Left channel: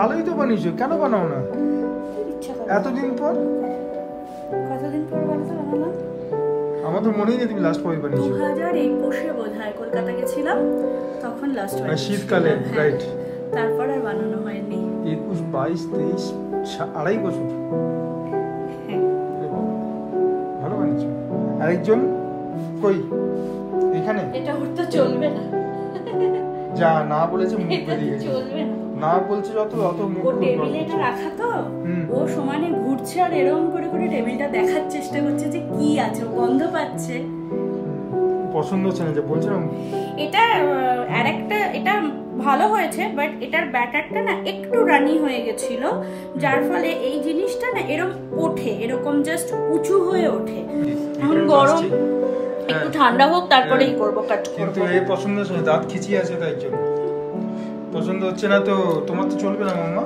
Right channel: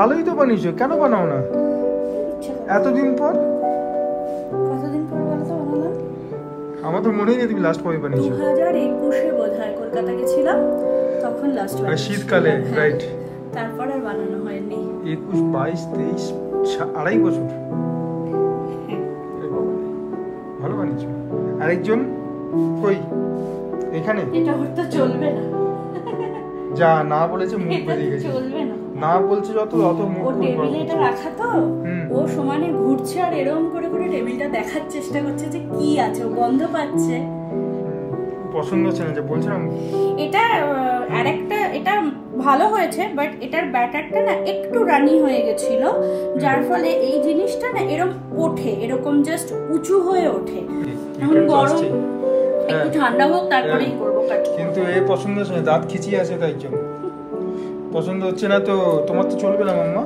ভালোই তো বানিয়েছো, কেন বানাও না এতদিন পর? কতদিন পর বলো তো বানালাম? আমার তো মনেই নেই তুমি লাস্ট কবে বানিয়েছো। 2021-এ বোধহয় কলকাতা গেছিলাম, তখন লাস্ট বানিয়েছি। শীতকালে, রাইট। তারপর আর বানানো হয়নি। 21, 22, 23, 2.5 বছর। ভালো বানিয়েছো। আরেকজন কই? এখানে এটা ওর তো চলবে না। যা না বলেছে মুখ বেরিয়ে গেছে। চলবে না, না বলছে যত অত মুখ ও টেবিলে এটা রাখা তো, ও সমানে ঘুরছে আর এরকম করে করে টেবিলটা দেখার চেষ্টা করছে যে কি আছে, ও গন্ধ পাচ্ছে। পছন্দ হচ্ছে না যে বলছিলাম। এটা আরেকটা, এটা ভালো হয়েছে, বাট এটার ব্যাটারটা না একটু রানি হয়ে গেছিল, যার ফলে এই জিনিসটা না এরকম ওঠে, এরকম জাস্ট উঁচু হয়ে ওঠে। এখন গরম, একটু ঠান্ডা হোক তারপরেই করবো কাট। কিন্তু এই পছন্দ হচ্ছে না, দাঁত খিচিয়ে আছে তাই জন্য পছন্দ হচ্ছে না। তো তোমার তো চলবে না মাম্মা।